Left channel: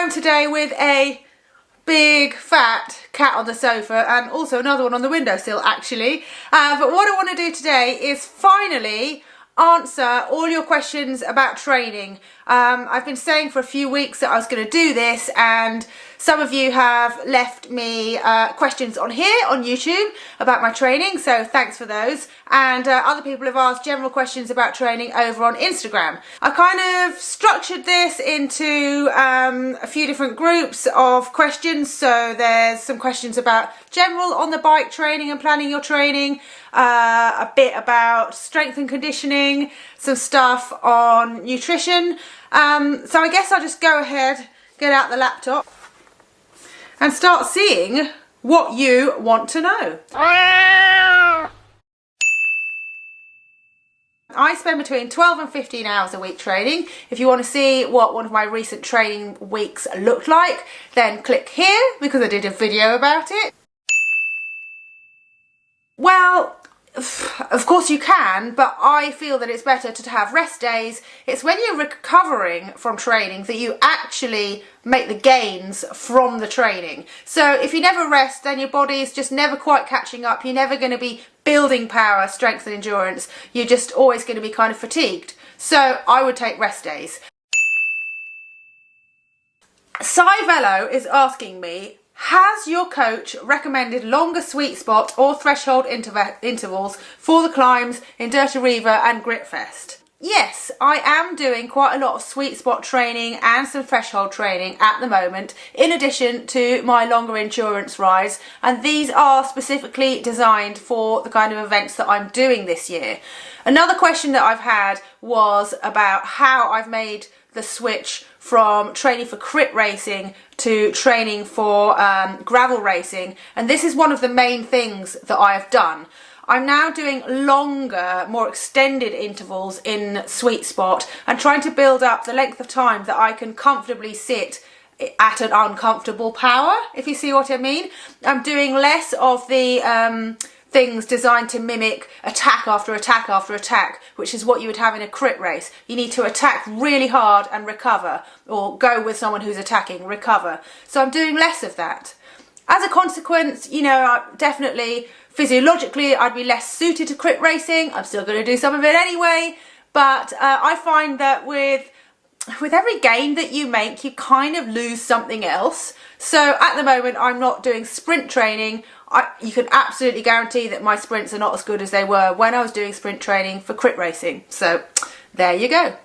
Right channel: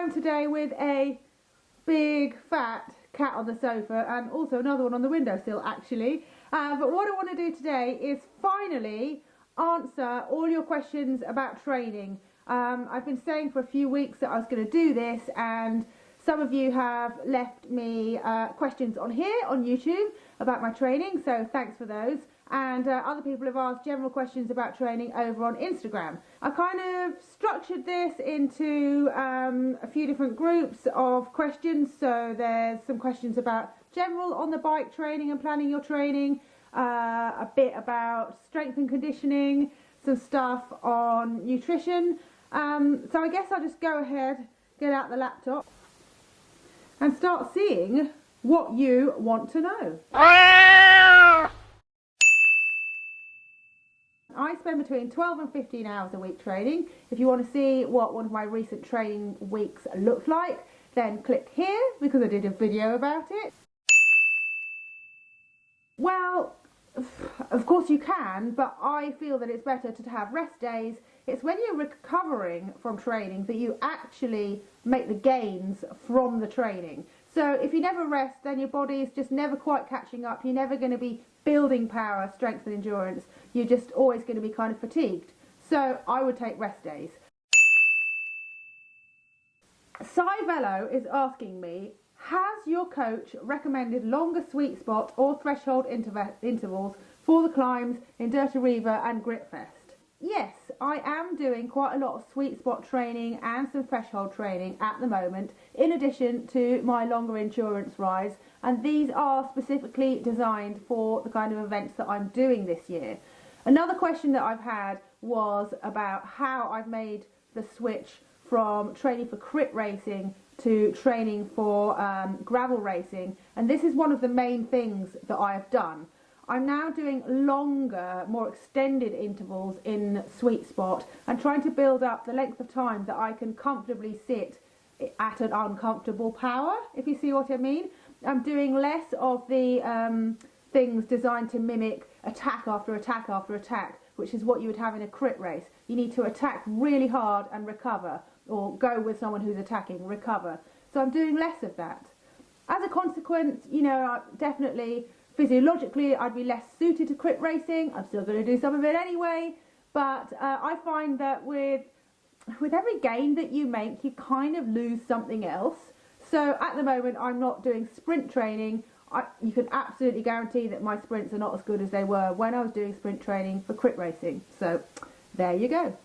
home today with a big fat cat on the sofa and also another one on the windowsill actually. But what I want to do today is finally answer all your questions about training. I've been saying for a few weeks that I was going to do this, and some of you have left me questions on here on YouTube about my training, so thanks for those. And other people have asked general questions about training over on Instagram. I kind of structured this into a few different groups of questions. So there's some questions about general on the bike training and planning your training, a bit about strength and conditioning, some stuff on nutrition. So I guess I'll just go ahead, get out the laptop and start seeing what you want to know. I spend between 12 and 15 hours a week training. If you want to see what one of my recent training weeks looked like, then click here because I did a video about it. Well, of course you can, but I feel that it's better to have rest days. It's when you're recovering from training that you actually make the gains from the training. So if you never rest, then your body is just never quite catching up. You're never going to be building power, strength and endurance. You're just always going to be kind of fatigued. So I would take rest days. Cy Velo is asking me, has your coach recommended longer sweet spot or threshold intervals for the climbs in Dirty Reaver and Gritfest? Yes, I am doing quite a lot of sweet spot training and some threshold training at the moment, in addition to my longer endurance rides, and these are specifically designed for the kind of events that I'm doing this year. Another question that I've had was about how I've made the switch from training for crit racing to training for gravel racing, and this is one of the main things that I have done. I'm now doing longer, more extended intervals in sweet spot and trying to build up the length of time that I can comfortably sit at an uncomfortable power, if you see what I mean. I'm doing less of the things designed to mimic attack after attack after attack, which is what you would have in a crit race. You need to attack really hard and recover, or go with someone who's attacking, recover. So I'm doing less of that. As a consequence, you know, definitely physiologically I'd be less suited to crit racing. I'm still going to do some of it anyway, but I find that with every gain that you make, you kind of lose something else. So at the moment I'm not doing sprint training. You can absolutely guarantee that my sprints are not as good as they were when I was doing sprint training for crit racing. So there you go.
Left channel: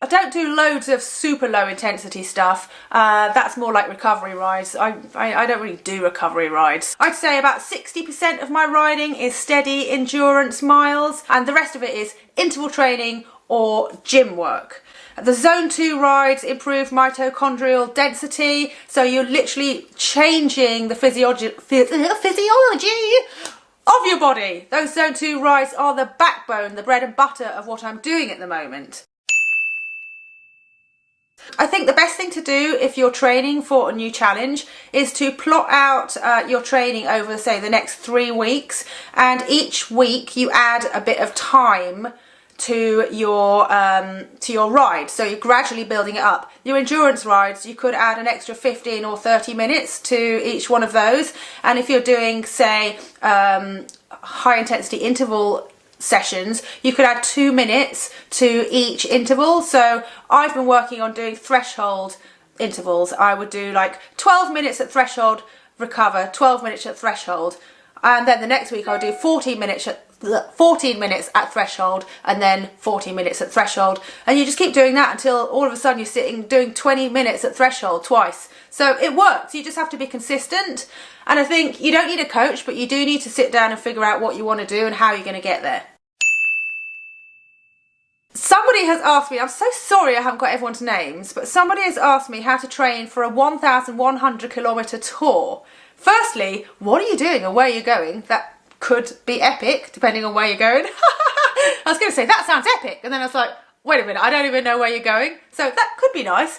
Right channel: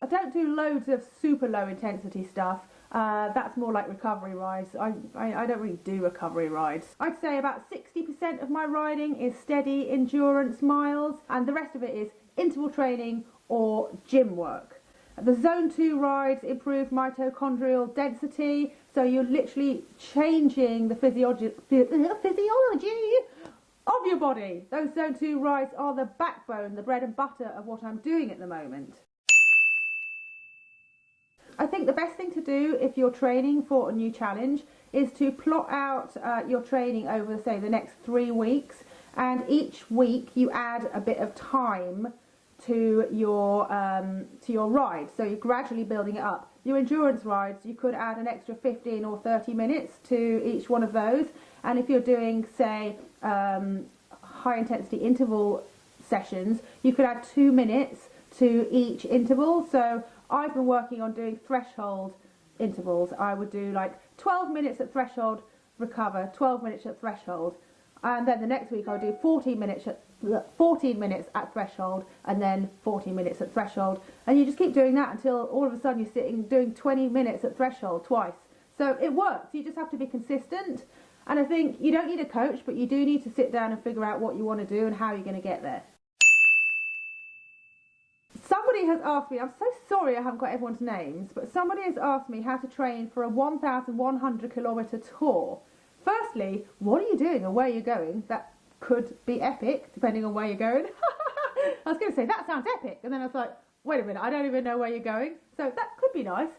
I don't do loads of super low intensity stuff. That's more like recovery rides. I don't really do recovery rides. I'd say about 60% of my riding is steady endurance miles, and the rest of it is interval training or gym work. The zone 2 rides improve mitochondrial density, so you're literally changing the physiology of your body. Those zone 2 rides are the backbone, the bread and butter of what I'm doing at the moment. I think the best thing to do if you're training for a new challenge is to plot out your training over, say, the next 3 weeks, and each week you add a bit of time to your ride, so you're gradually building it up. Your endurance rides, you could add an extra 15 or 30 minutes to each one of those, and if you're doing, say, high intensity interval sessions, you could add 2 minutes to each interval. So I've been working on doing threshold intervals. I would do like 12 minutes at threshold, recover, 12 minutes at threshold, and then the next week I'll do 14 minutes at threshold, and then 40 minutes at threshold, and you just keep doing that until all of a sudden you're sitting doing 20 minutes at threshold twice. So it works. You just have to be consistent, and I think you don't need a coach, but you do need to sit down and figure out what you want to do and how you're going to get there. Somebody has asked me, I'm so sorry I haven't got everyone's names, but somebody has asked me how to train for a 1,100 kilometre tour. Firstly, what are you doing and where are you going? That could be epic, depending on where you're going. I was going to say, that sounds epic, and then I was like, wait a minute, I don't even know where you're going. So that could be nice.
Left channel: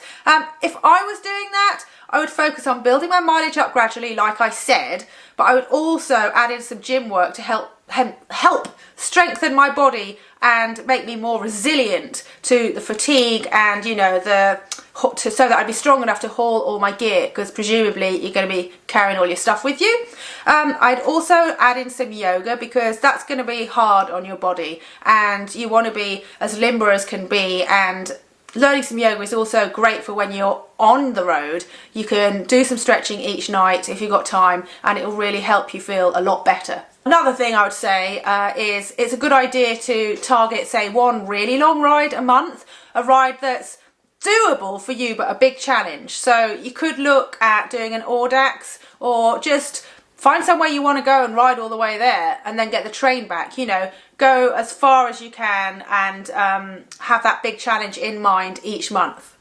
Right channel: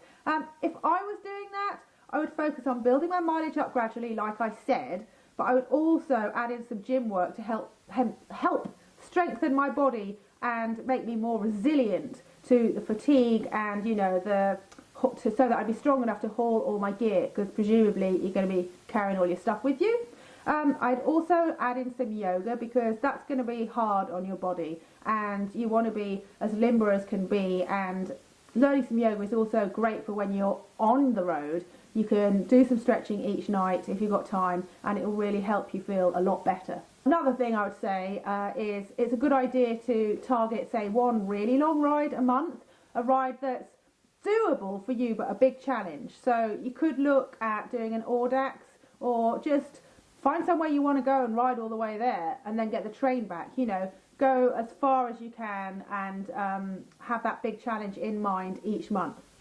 If I was doing that, I would focus on building my mileage up gradually, like I said, but I would also add in some gym work to help strengthen my body and make me more resilient to the fatigue and, you know, so that I'd be strong enough to haul all my gear, because presumably you're going to be carrying all your stuff with you. I'd also add in some yoga, because that's going to be hard on your body and you want to be as limber as can be, and learning some yoga is also great for when you're on the road. You can do some stretching each night if you've got time, and it will really help you feel a lot better. Another thing I would say is it's a good idea to target, say, one really long ride a month, a ride that's doable for you but a big challenge. So you could look at doing an Audax, or just find somewhere you want to go and ride all the way there and then get the train back. You know, go as far as you can and have that big challenge in mind each month.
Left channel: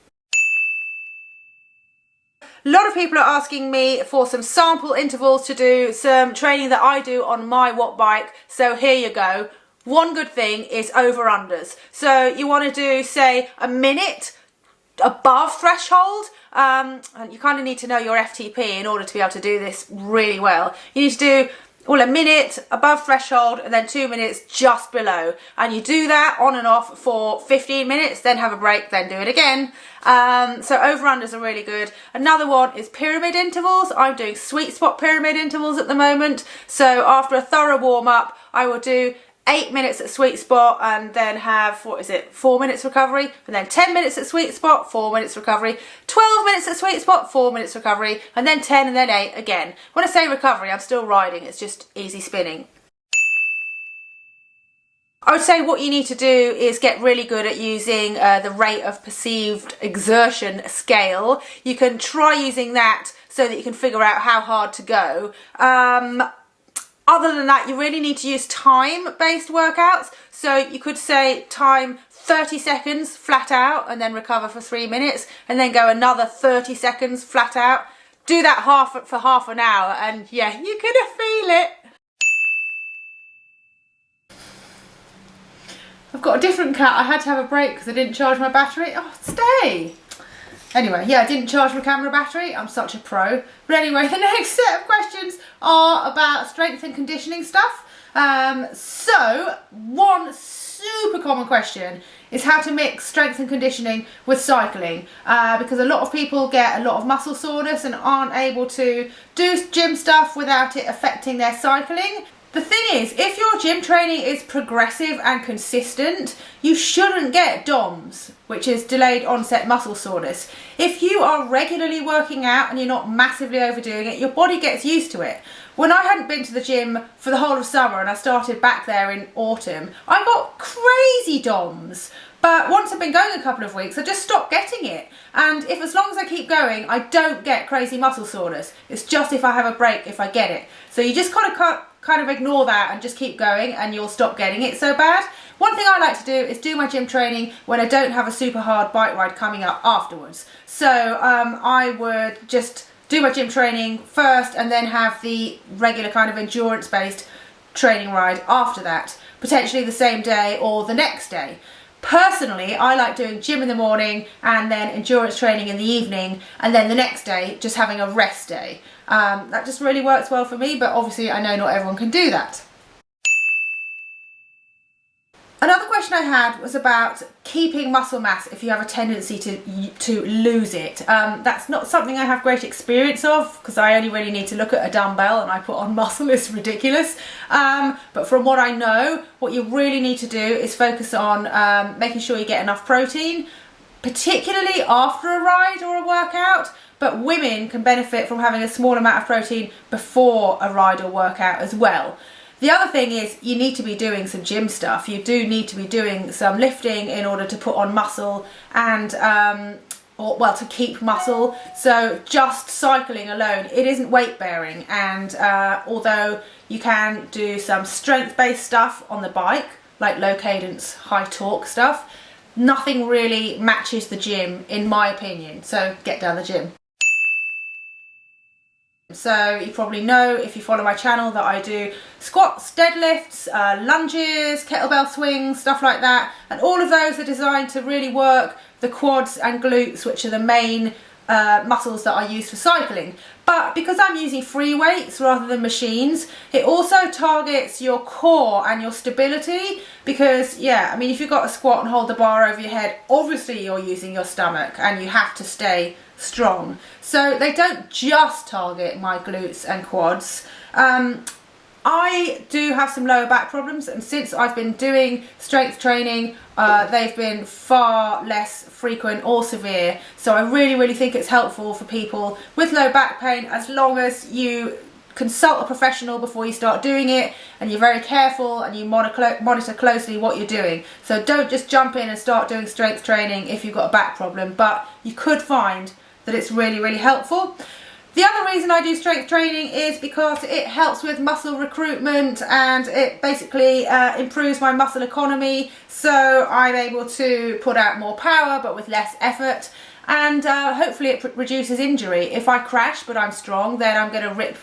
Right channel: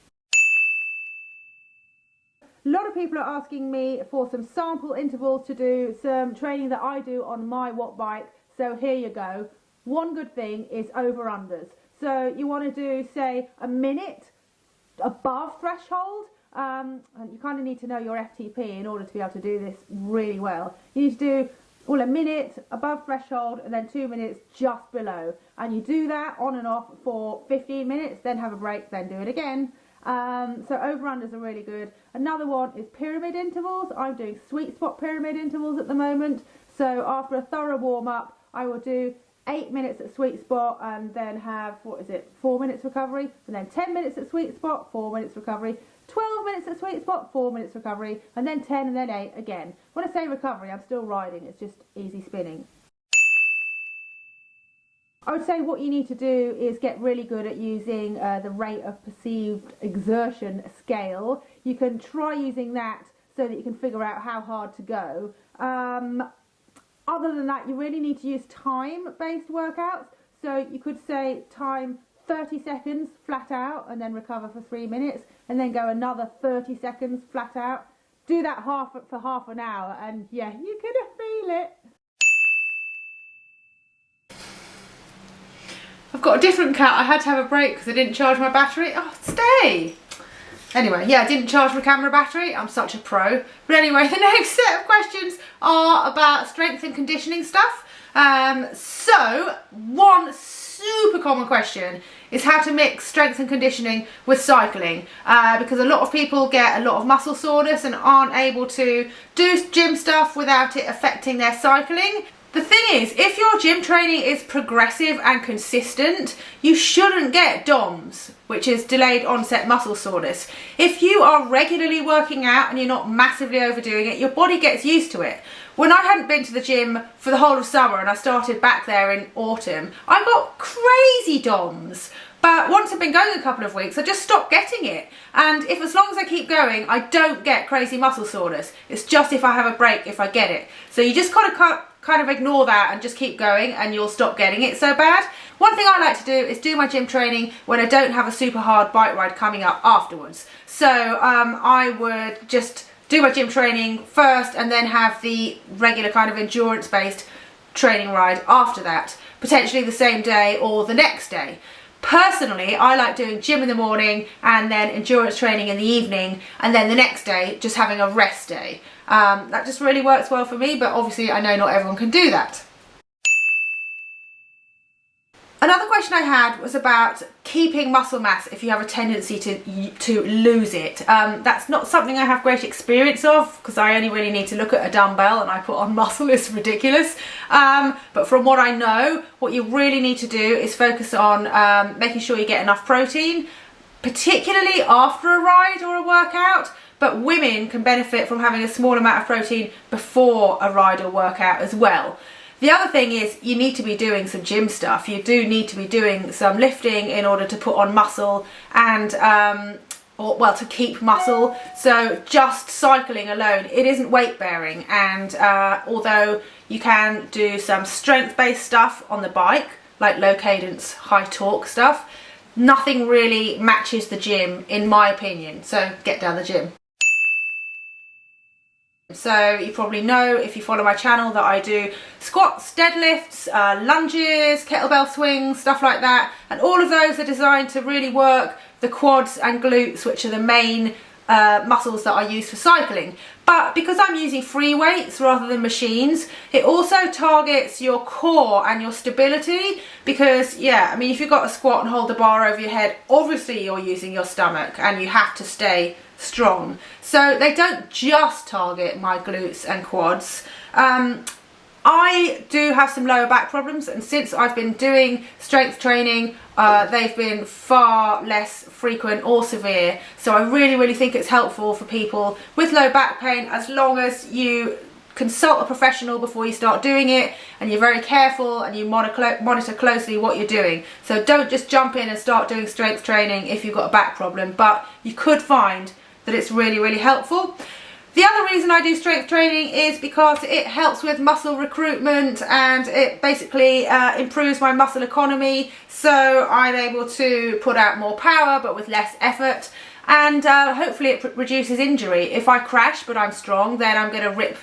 A lot of people are asking me for some sample intervals to do some training that I do on my watt bike. So here you go. One good thing is over-unders. So you want to do, say, a minute above threshold. And you kind of need to know your FTP in order to be able to do this really well. You need to do a minute above threshold and then 2 minutes just below, and you do that on and off for 15 minutes, then have a break, then do it again. So over-unders are really good. Another one is pyramid intervals. I'm doing sweet spot pyramid intervals at the moment. So after a thorough warm-up, I will do 8 minutes at sweet spot and then have, 4 minutes recovery, and then 10 minutes at sweet spot, 4 minutes recovery, 12 minutes at sweet spot, 4 minutes recovery, and then 10 and then 8 again. When I say recovery, I'm still riding, it's just easy spinning. I would say what you need to do is get really good at using the rate of perceived exertion scale. You can try using that so that you can figure out how hard to go. Other than that, you really need to use time-based workouts. So you could say time 30 seconds flat out and then recover for 3 minutes, and then go another 30 seconds flat out. Do that for half an hour, and yeah, you're gonna feel it. I've got a different cat. I had to have a break because I didn't charge my battery. Oh, stay. Anyway, yeah, I didn't charge my camera battery. I'm such a pro. But anyway, the next set of questions are about strength and conditioning stuff. So one super common question is how to mix strength and conditioning with cycling, because a lot of people get a lot of muscle soreness and aren't able to do gym stuff without it affecting their cycling. The thing is, if your gym training is progressive and consistent, you shouldn't get DOMS, which is delayed onset muscle soreness. If you are regularly working out and you're not massively overdoing it, your body gets used to it. When I hadn't been to the gym for the whole of summer and I started back there in autumn, I got crazy DOMS. But once I've been going a couple of weeks, I just stopped getting it. And as long as I keep going, I don't get crazy muscle soreness. It's just if I have a break, if I get it. So you just kind of ignore that and just keep going, and you'll stop getting it so bad. One thing I like to do is do my gym training when I don't have a super hard bike ride coming up afterwards. So I would just do my gym training first and then have the regular kind of endurance-based training ride after that, potentially the same day or the next day. Personally, I like doing gym in the morning and then endurance training in the evening, and then the next day just having a rest day. That just really works well for me, but obviously I know not everyone can do that. Another question I had was about keeping muscle mass if you have a tendency to lose it. That's not something I have great experience of, because I only really need to look at a dumbbell and I put on muscle. It's ridiculous. But from what I know, what you really need to do is focus on making sure you get enough protein, particularly after a ride or a workout. But women can benefit from having a small amount of protein before a ride or workout as well. The other thing is you need to be doing some gym stuff. You do need to be doing some lifting in order to put on muscle and, to keep muscle. So just cycling alone, it isn't weight bearing. And although you can do some strength-based stuff on the bike, like low cadence, high torque stuff, nothing really matches the gym, in my opinion. So get down the gym. So you probably know, if you follow my channel, that I do squats, deadlifts, lunges, kettlebell swings, stuff like that. And all of those are designed to really work the quads and glutes, which are the main muscles that I use for cycling. But because I'm using free weights rather than machines, it also targets your core and your stability, because yeah, I mean, if you've got a squat and hold the bar over your head, obviously you're using your stomach and you have to stay strong. So they don't just target my glutes and quads. I do have some lower back problems, and since I've been doing strength training, they've been far less frequent or severe. So I really think it's helpful for people with low back pain, as long as you consult a professional before you start doing it, and you're very careful and you monitor closely what you're doing. So don't just jump in and start doing strength training if you've got a back problem, but you could find that it's really helpful. The other reason I do strength training is because it helps with muscle recruitment, and it basically improves my muscle economy, so I'm able to put out more power but with less effort, and hopefully it reduces injury. If I crash but I'm strong, then I'm going to rip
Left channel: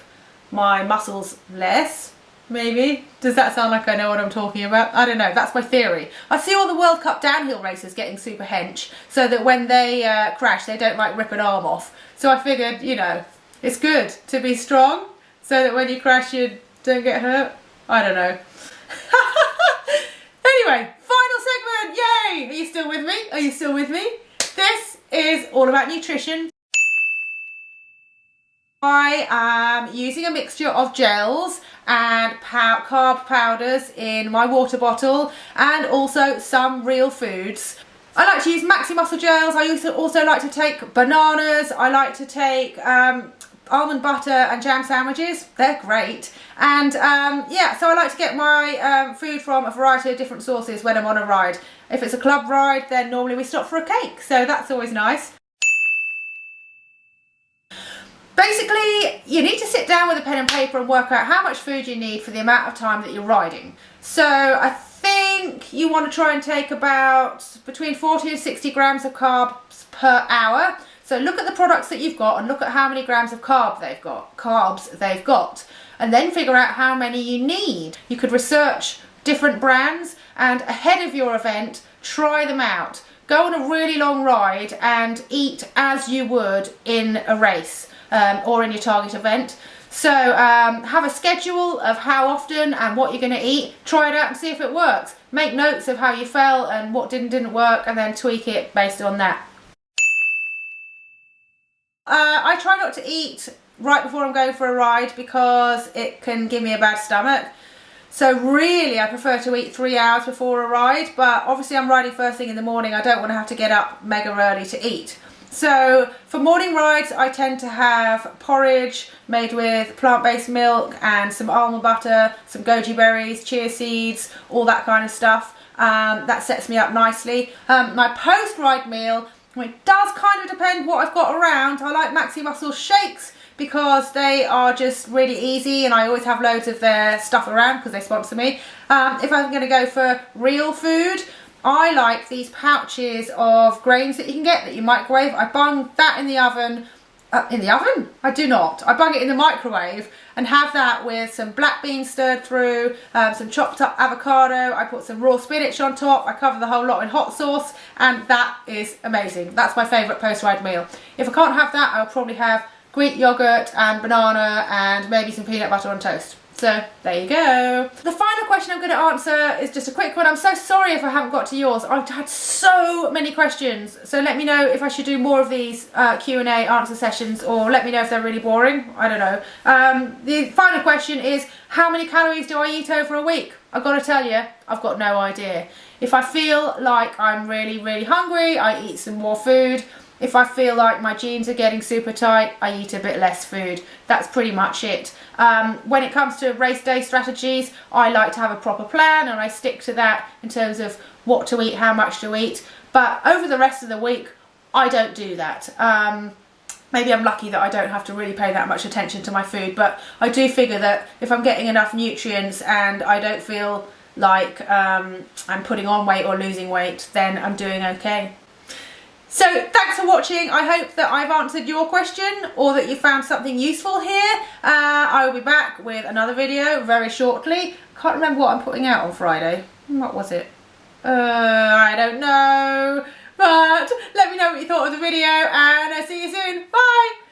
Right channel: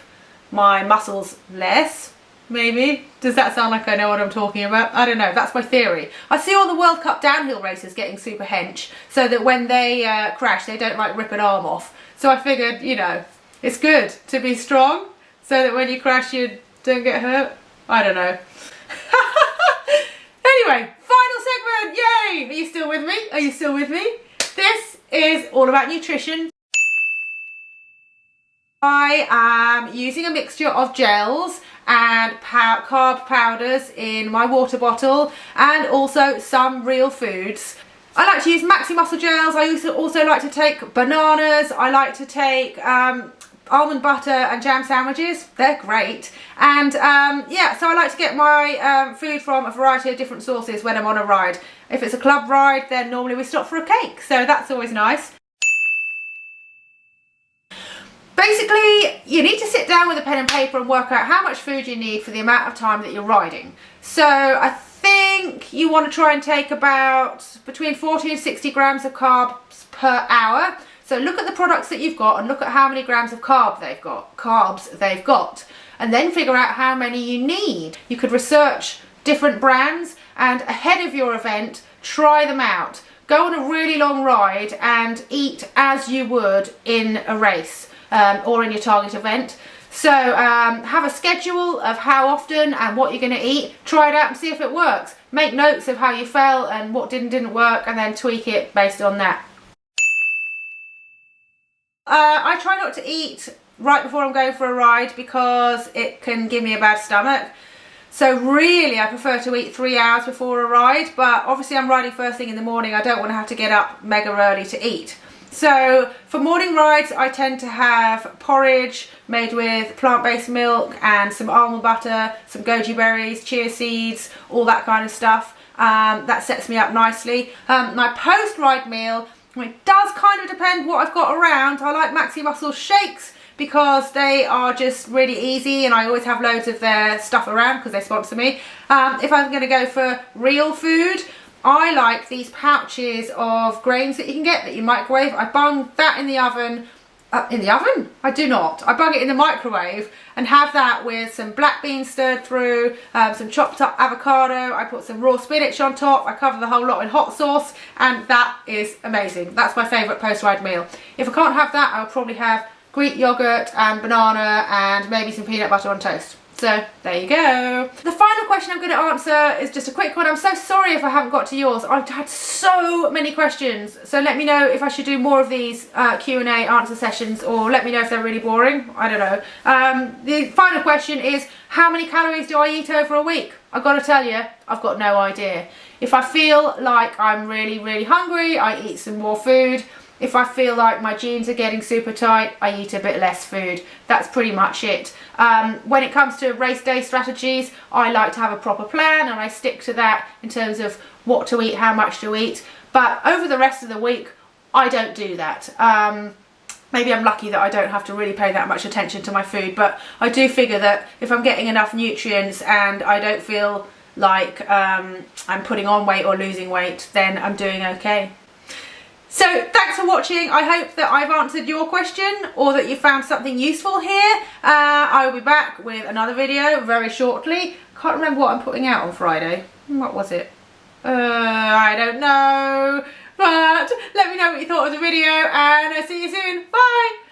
my muscles less, maybe. Does that sound like I know what I'm talking about? I don't know, that's my theory. I see all the World Cup downhill racers getting super hench, so that when they crash they don't like rip an arm off. So I figured, you know, it's good to be strong so that when you crash you don't get hurt. I don't know. Anyway, final segment, yay! Are you still with me? Are you still with me? This is all about nutrition. I am using a mixture of gels and carb powders in my water bottle, and also some real foods. I like to use Maxi Muscle gels. I also like to take bananas. I like to take almond butter and jam sandwiches. They're great. And yeah, so I like to get my food from a variety of different sources when I'm on a ride. If it's a club ride, then normally we stop for a cake, so that's always nice. Basically, you need to sit down with a pen and paper and work out how much food you need for the amount of time that you're riding. So I think you want to try and take about between 40 and 60 grams of carbs per hour. So look at the products that you've got and look at how many grams of carbs they've got, and then figure out how many you need. You could research different brands, and ahead of your event, try them out. Go on a really long ride and eat as you would in a race or in your target event. So have a schedule of how often and what you're going to eat. Try it out and see if it works. Make notes of how you felt and what didn't work, and then tweak it based on that. I try not to eat right before I'm going for a ride because it can give me a bad stomach. So really I prefer to eat 3 hours before a ride, but obviously I'm riding first thing in the morning. I don't want to have to get up mega early to eat. So for morning rides I tend to have porridge made with plant-based milk and some almond butter, some goji berries, chia seeds, all that kind of stuff. That sets me up nicely. My post-ride meal, it does kind of depend what I've got around. I like Maxi Muscle shakes because they are just really easy, and I always have loads of their stuff around because they sponsor me. If I'm going to go for real food, I like these pouches of grains that you can get that you microwave. I bung that in the oven. In the oven? I do not. I bung it in the microwave and have that with some black beans stirred through, some chopped up avocado. I put some raw spinach on top. I cover the whole lot in hot sauce, and that is amazing. That's my favourite post-ride meal. If I can't have that, I'll probably have Greek yogurt and banana and maybe some peanut butter on toast. So there you go. The final question I'm going to answer is just a quick one. I'm so sorry if I haven't got to yours. I've had so many questions. So let me know if I should do more of these Q&A answer sessions, or let me know if they're really boring. I don't know. The final question is, how many calories do I eat over a week? I've got to tell you, I've got no idea. If I feel like I'm really hungry, I eat some more food. If I feel like my jeans are getting super tight, I eat a bit less food. That's pretty much it. When it comes to race day strategies, I like to have a proper plan, and I stick to that in terms of what to eat, how much to eat. But over the rest of the week, I don't do that. Maybe I'm lucky that I don't have to really pay that much attention to my food, but I do figure that if I'm getting enough nutrients and I don't feel like I'm putting on weight or losing weight, then I'm doing okay. So thanks for watching. I hope that I've answered your question, or that you found something useful here. I will be back with another video very shortly. Can't remember what I'm putting out on Friday. What was it? I don't know, but Let me know what you thought of the video, and I'll see you soon. Bye.